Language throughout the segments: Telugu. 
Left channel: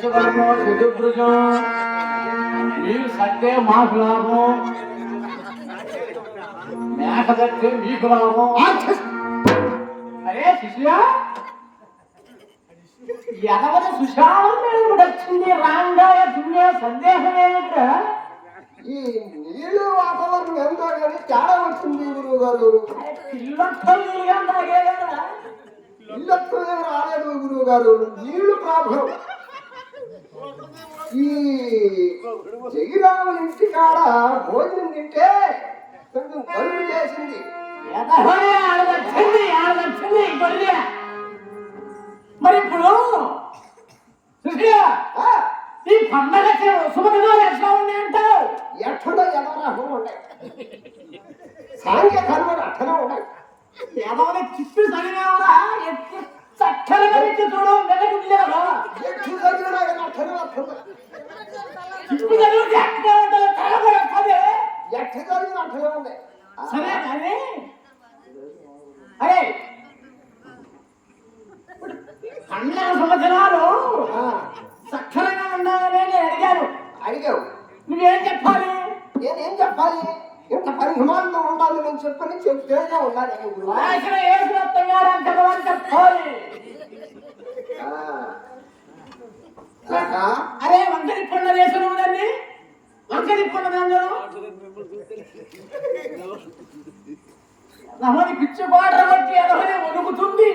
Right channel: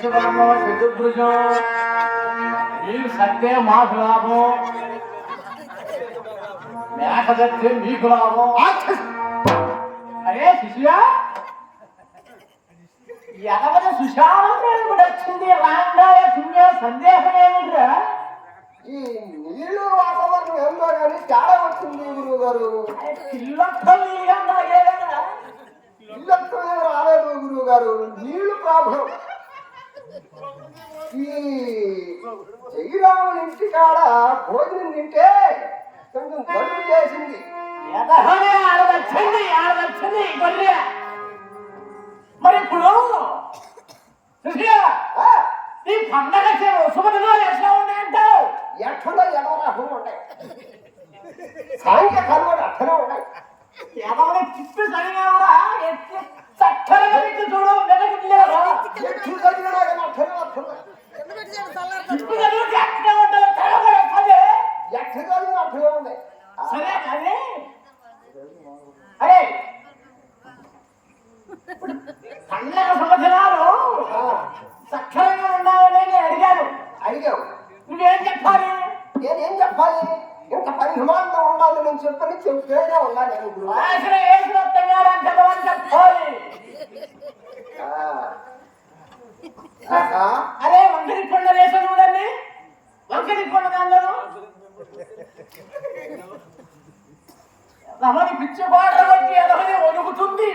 చతుర్భుజం మీరు సత్తే మాకు లాభం మేక సత్తే మీకు లాభం అరే శిష్య ఎదవద సుశాంతం వచ్చింది రాంగా సందేహం ఏమిట్రా ఈ నీళ్ళు వాతావరణం ఎంతో కానీ తేడా వచ్చింది గురువు గారు. ఇల్లొక్కలు రాలేదు గురువు గారు, నీళ్లు ప్రాబ్లం. ఈ జగిరాముల ఇంటి కాడ భోజనం తింటే కొంచెం కలుపు చేసింది. మరి ఇప్పుడు ఈ పండగ శుభదినాలు ఎట్లా ఉన్నాయంటావు? ఎట్లా ఎలా అట్లనే ఉన్నాయి, సాంఖ్య కర్మలు అట్లనే ఉన్నాయి. ఏదో చిప్పి సరిగా చక్కగా చూడు మెల్లగా ఎట్లు చదివినా కానీ అట్లనే వస్తున్నాయి. చిప్పు చదివితే ఎట్లా ఉంటుంది ఎట్ల చదివినా అట్లనే ఉన్నాయి. సరే అరే అరే పండగ శుభదినాలు సక్కరంగా ఉండాలని నేను అడిగాను. అడిగావు, నువ్వేం చెప్పాలి? నేనేం చెప్పాలి? ఇంత పరిమాణంగా ఉండాలి నేను చెప్పని చెప్తేనే ఉండాలి. చెప్పాలి. అదే వంకరి కొండ వేసాను కదండి, వంకరి కొండ దానిలో రమణి పిచ్చి పాటలు బట్టి ఎదవని ఒదుగుతుంది.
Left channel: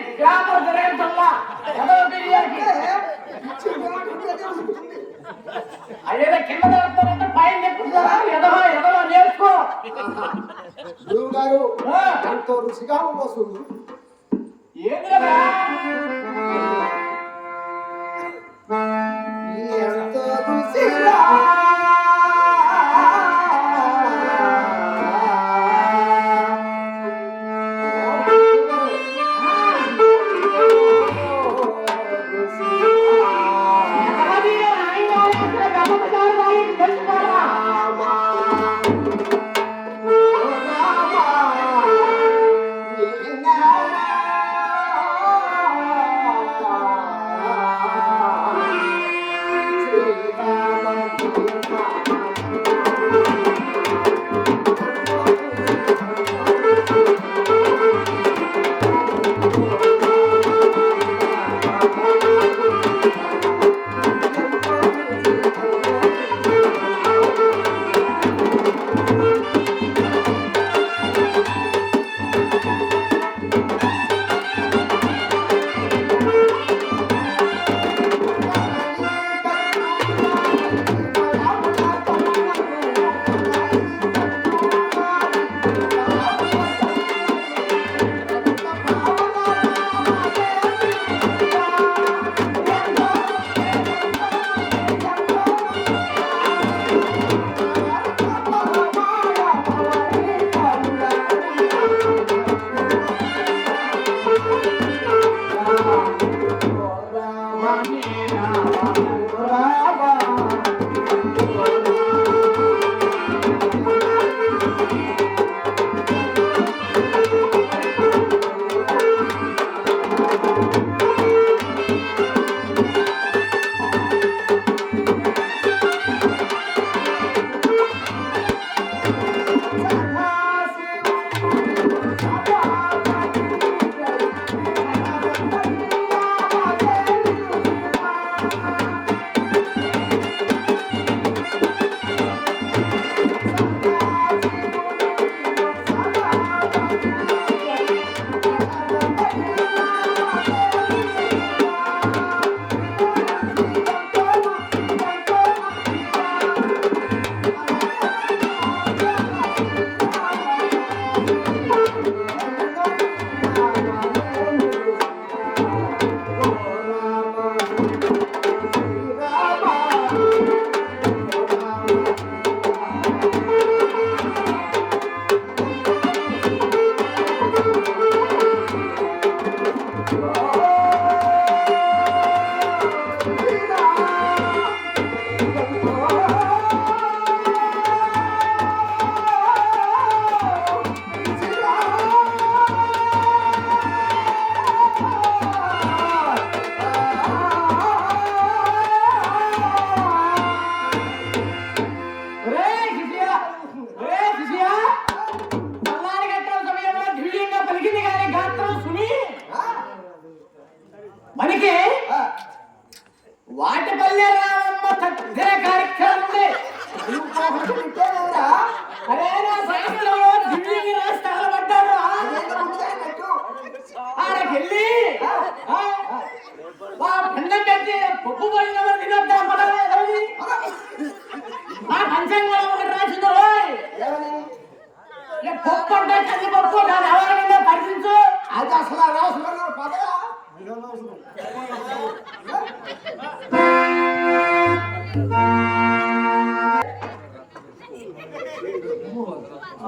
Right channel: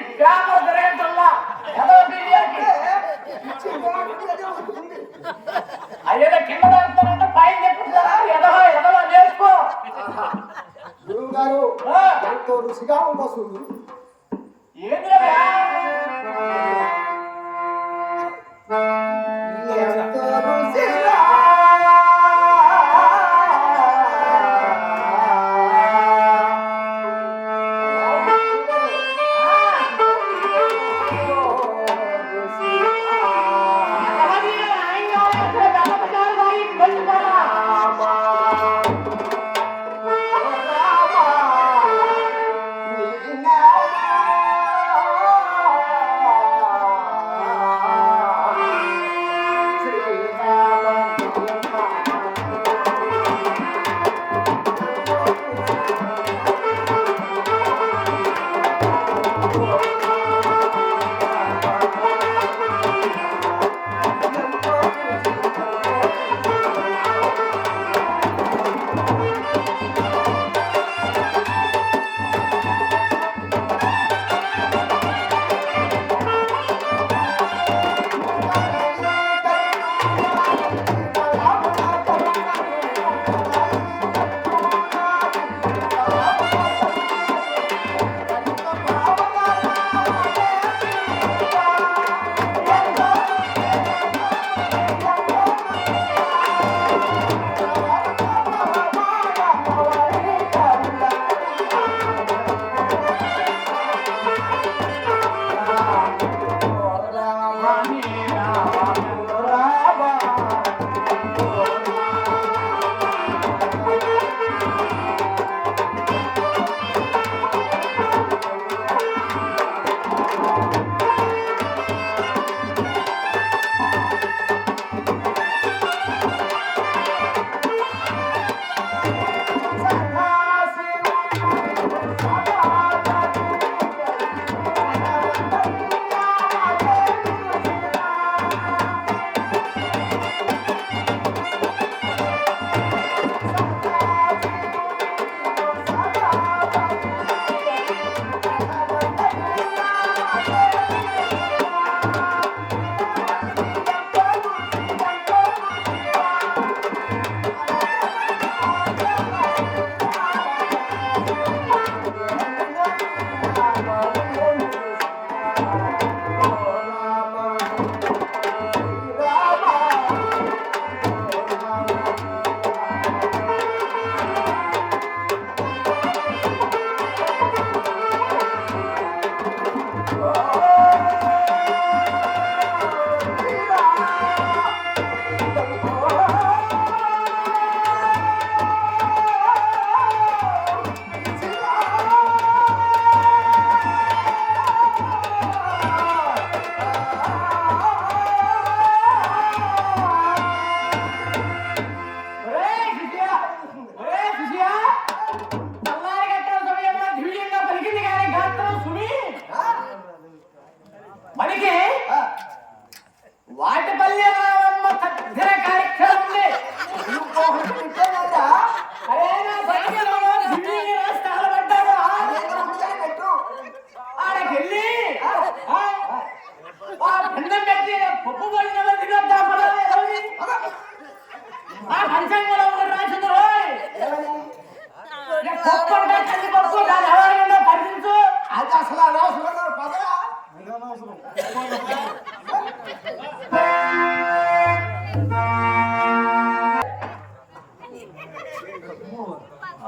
అయ్యో కింద పడుతానంటే పైన చెప్తున్నారా? ఎదవ ఎదవ నేర్చుకో గురువు గారు. ఎంతో రుచిగా ఉండొస్తుంది. ఏంటి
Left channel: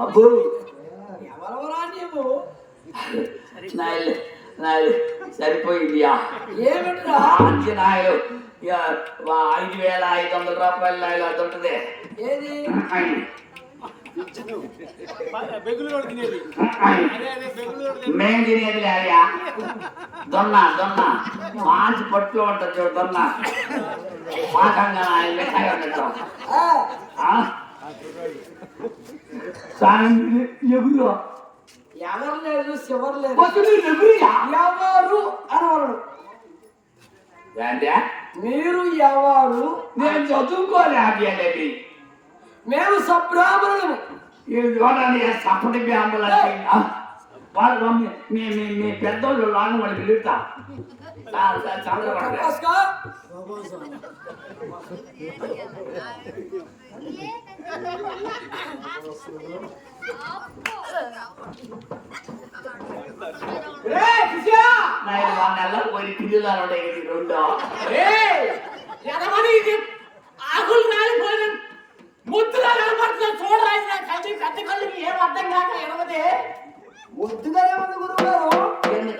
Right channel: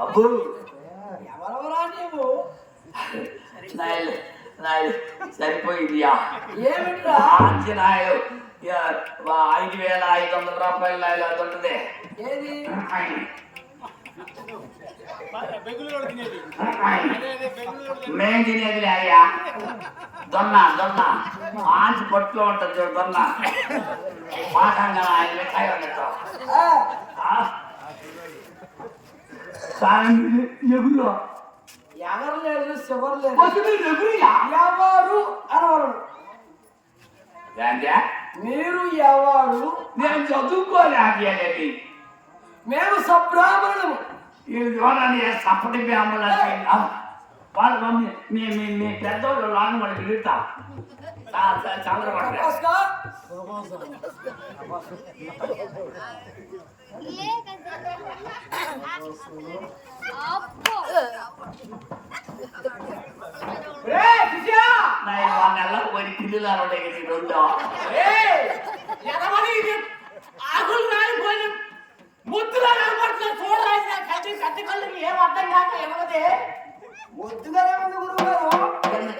అబ్బో ఎవరెవరా నీవు? నాయుడు సరిపోయిందియా. ఏమిట్రా? నాయుడు 5,500 రూపాయలు నాయుడు అది ఉంటుంది. ఏది? మేం తినేది లేదయా. దొన్న మంచి పట్టులో ఉంటుంది చూడు దొన్న. పాకంగా ఆయన మిఠాయి ఉంటారు. ఎవరు ఎవరు లేదు, శివరు లేదు. ఎవరు అనవరు. ఏంటే మీరు ఎవరు? నేను చదువుకోలేకపోయేది. మేము సబ్రాహ్మణులము. ఈ చూడండి సప్పటి బ్రాహ్మణులు వాళ్ళు మమ్మీ మీ పెద్దోళ్ళు లాంగ్ వాడికి పిలుస్తాం. చంద్రపడ పోయి పిల్లలు రెండో ఆకులు రాలిపోయిన ముద్దులా కనపడుతున్నా చూడరా. కంటి కట్టి కళ్ళకి ఏం అర్థం కాక ఎనవదే ముద్దుగానే ఉంది గురువు గారు.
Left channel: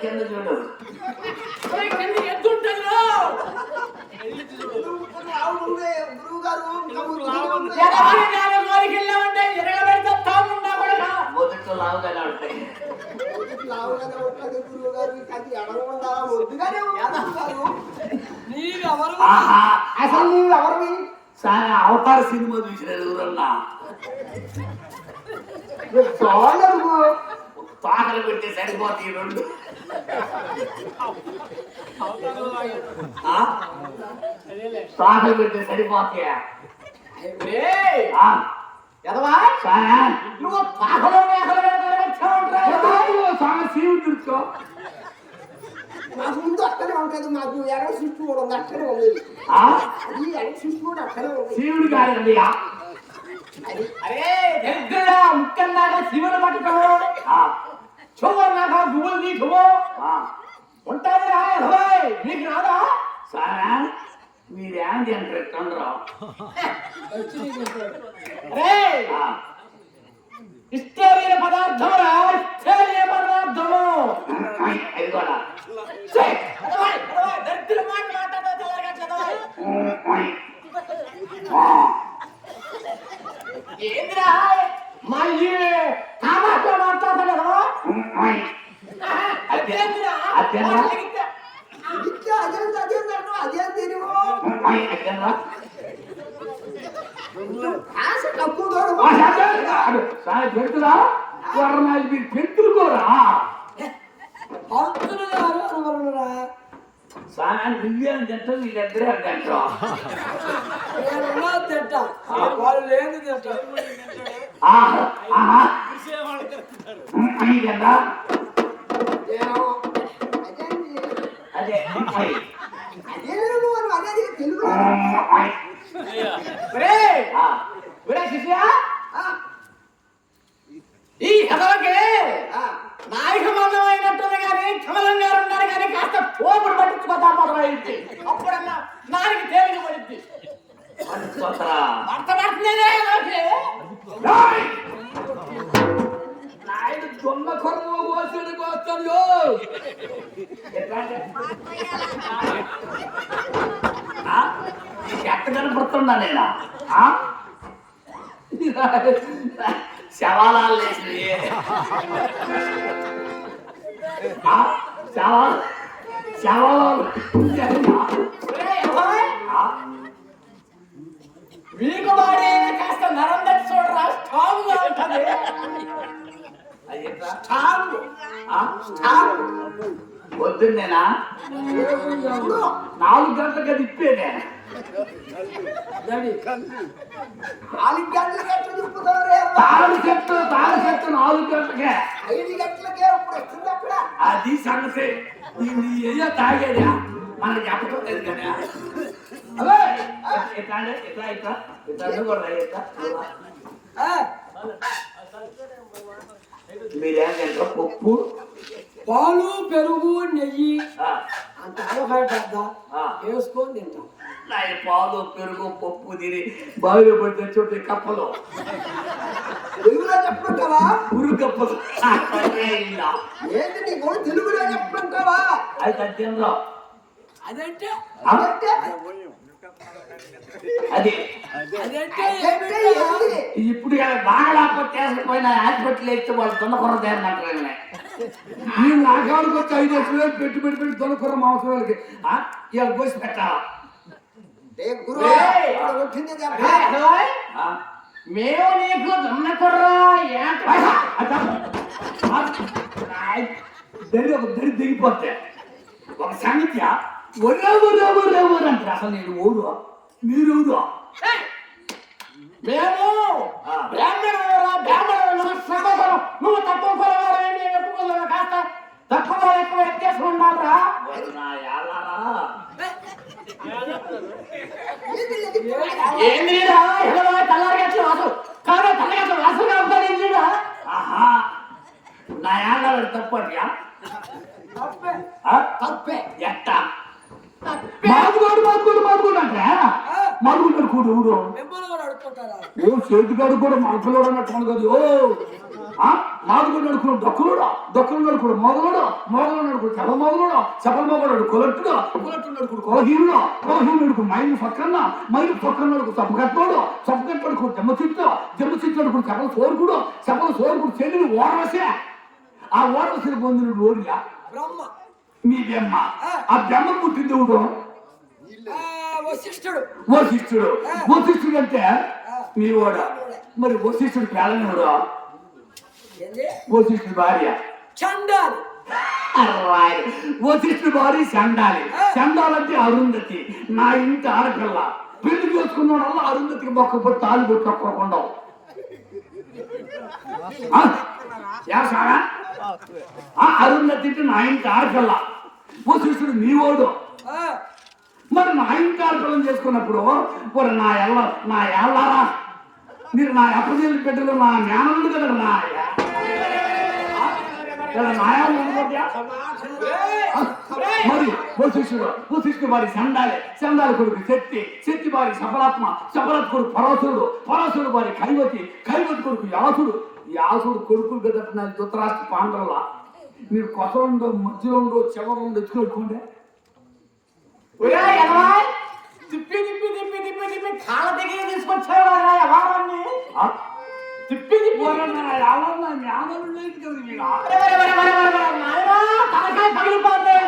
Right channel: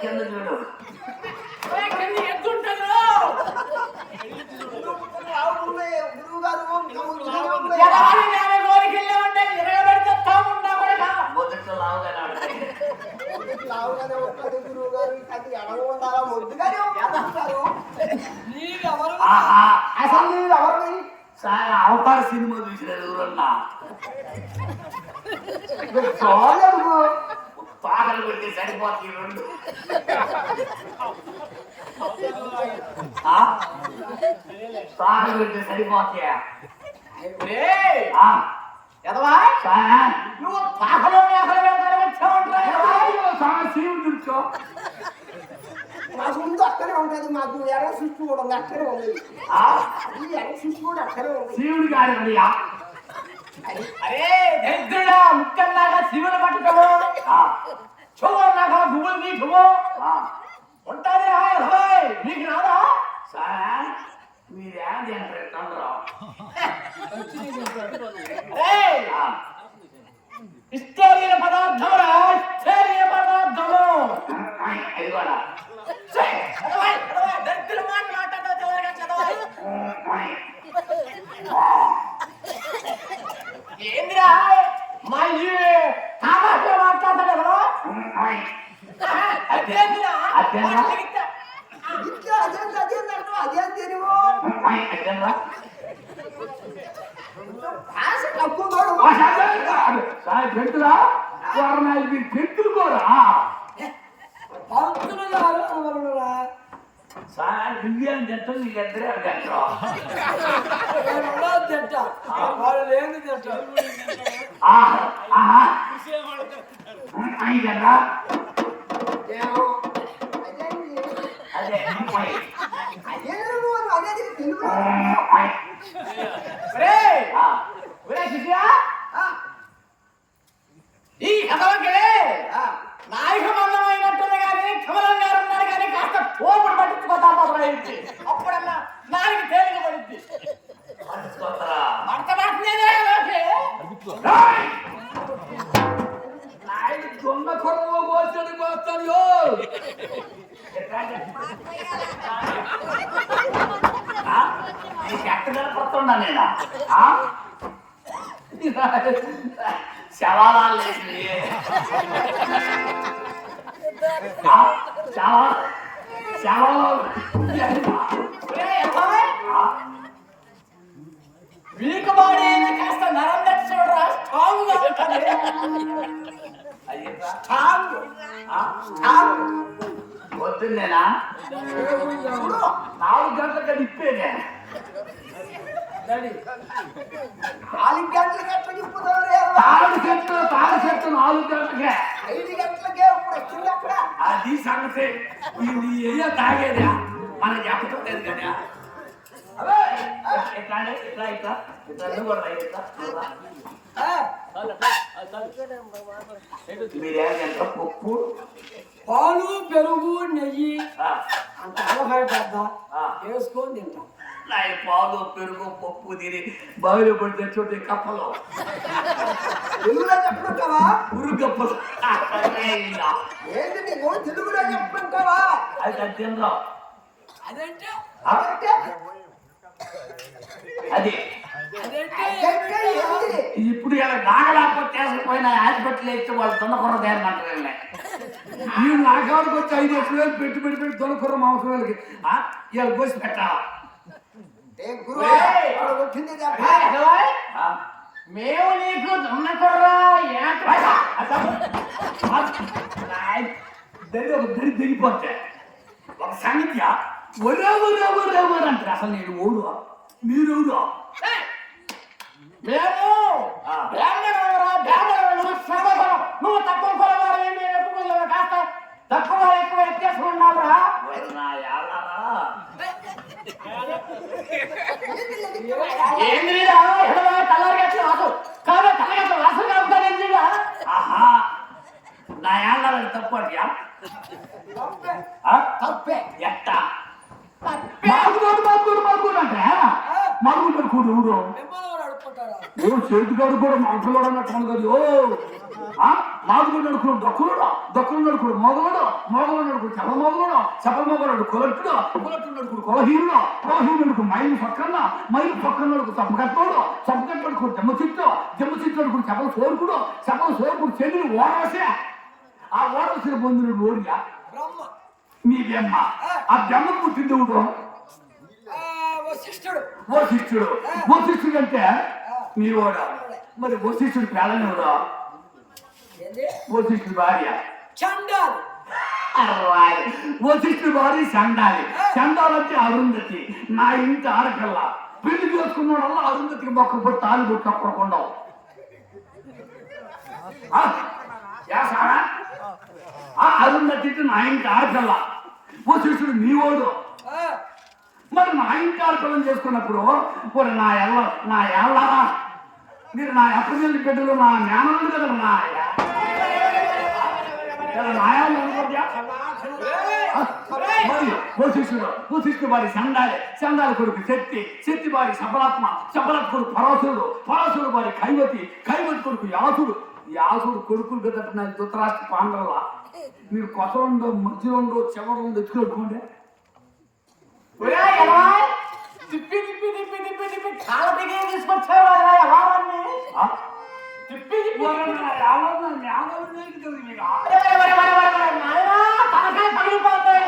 కింద చూడు కింద ఎద్దుంటారు. గురువు గారు లోనికి వెళ్ళామంటే ఎరగబెడితే తామున్నా కూడా మొదట్లో లావుగానే లావుగానే ఉంటుంది గురువు గారు. అది ఎడవ ఉండాలా ముద్దుగానే ఉంటారు. నీవెవరు? అసలు నీవు ఎవరివి? చాలా అవతార సినిమా చూసిన ఎవరన్నా పాకలు పెట్టి సరిపోతాయి రెండు. పాకలు పెట్టి సరిపోతాయా? నువ్వు పాకలో సీలు చూసుకో. మాకు ముందు అక్కడే ఉంటుంది. మాకు ఎర్ర సృష్టి కూడా ఉంది, అక్కడే ఉంది. ఈ ఎర్ర సృష్టి కూడా అక్కడే ఉంది. శివుడు కాదండి. అరే దరిద్రుడా, ముక్కల్లాగా శివుడు పట్టుకోవు, చూడలాగా గుబులు నీకువు ఉంటుంది. నీకు రాదా? సారా మీరేం తింటారు? ఇష్టమైన పదార్థము ఇష్టమైన పదార్థము దరిద్ర మాట ఏంద్రా మా కామాట్లో మాట్లాడలేదు. అదేం తెలియవు. ఆశ తక్కువ పెడుతురా పెడుతురు కూడా దివ్యాన్ని తింటారు. నీకు ఇద్దరే తింటారు. తింటా వాళ్ళు లేదు తింటా. అదే తెలుగు ఈ కథలకి నాయక మందమైనట్టుంది కానీ కమలం గారు ఉన్నారు కానీ కాస్త కోపుడు పట్టించుకోతారు. అప్పుడన్నా నాలుగు తేలిక పడింది. అంత పడుతుందేనే దొంగ కొరవ కోసడి కోస్తాడు. ఎక్కడ కనపడుతున్నా నేను శవాలాలు వేసి శవాలు వీకు బాడీ కాస్త నరం దట్టి చూడరా, స్ట్రాంగ్ గా ఉంటుంది. వద్దుందేనా 4 గంటలకు తిప్పేదే. 4 గంటలకి ఎట్లా చెప్పుతారు? తాళ చెట్టు 4 గంటలకే. 5 గంటలకే ఇప్పుడు వస్తుంది అక్కడ. అది సంగతి. నీ అయ్యో తాగేదా మనకు చెప్పలేదు కదా. మీరేం పప్పు పాలు, పెరుగు, నెయ్యి అంత ఆవకాయ పెద్ద ఆ. వేసుకొని తింటాం. నాయన పాలు పెరుగు పప్పు తిని బావిలో పడితే చోటు కప్పలు తెలుగులో చెప్పుకుంటావా? ఉరు కప్పలు ఏంటి నీకు తెలుగులో చెప్పుకుంటావా? అయితే తినరా అదంటే అదంటే? అది అదంటే ఏంటి? ఇప్పుడు ఇలా నాగలాపత్తి పోయిన హాస్పిటల్ ఎత్తి వాళ్ళు దొన్నకొర తయారంటారు ఈ నాగాడికి వచ్చి 5 లక్షలు పెట్టి దొన్నకొర మాంసం వాళ్ళకి ఇలా కోసి పెట్టాలా ఏ గురువా, ఇక్కడ కొట్టింది దెబ్బ. మేము నీకు దున్నకుర్రా దరి దిగిపోతే ఒక సంగతి ఒరే అసలు నేను ఊరు మీరు ఊరు మేము బ్రాహ్మణులు శ్రమధరం. నువ్వు తక్కువ కొలవాడు ఎక్కువ కాస్త తక్కువ ఎక్కువ ఎత్తేసుకున్నావురా. ఏంది తెల్లారిగా వాసు కాదు తెల్లగా వాసుగా ఉంటాడు. ఆహా నా ఏళ్ళ తప్పట్యా తప్పే. తప్పే ఎట్ట తప్పే. మామూలు కూడా ఊరు టెంపుల్ కూడా అడుక్కుంటారా? ఓ చేతిగాడు కూడా మాటలు అన్నట్టు కదా ఓ నాలుగు నడుకుడు దొక్కులు నడుకుడు మొగలుడు నడుకుడు తెల్ల మొగలుడు సపల మొగలుడు కొలట్టుడు నడుకుడు కొలహీనుడు నడుకు మైలు పక్కన నడుకు చప్పకట్టడుకు దెమ్మ చిట్టు నడుకుడు చెప్పల సోరుకుడు చెల్లి ఓడవసే ఆ ఓడవసిన పొందిన ఓడిగా బ్రహ్మ మీ బెమ్మ ఆ బెమ్మను పుట్టింది ఊరు వశిష్ఠుడు అంటే మీ ఓడ మరి వశిష్ఠుడు పేలనివరా ఏంది? వశిష్ఠుడు భార్య చండాలు. వశిష్ఠుడు భార్య చండాలంటే అరుంధతి నా ఇంటి ఆడపిల్ల పెళ్లి చేసుకున్నాడు వల్ల అరుంధతికి మొక్క తాళి కొట్టి తప్పకుండా అరుంధతి నా ఇంటి ఆడపిల్ల వశిష్ఠుడు మీ ఓడు మరి నా ఇంటి ఆడపిల్లని చేసుకున్నప్పుడు మరి నా ఎల్లా మీరు నా అప్పచెల్లి బిడ్డలు నా మేనలు కదా మరి వశిష్ఠుడు వారి చండాలి కొడుకు శక్తి వారి సఫలాత్మ కొడుకు పరాశుడు వారి కైవతి కొడుకు యాసుడు కొడుకులు కదా నా ధృతరాష్ట్ర పాండవుల మీరు కొసలుండో మధ్యలో ఉండో చివరంలో ఎత్తుకోండి తిప్పి కాళ్ళ దగ్గర తీసుకొచ్చేవాళ్ళ వారాన్ని తిప్పి తనకే పగిలిపోతాయి.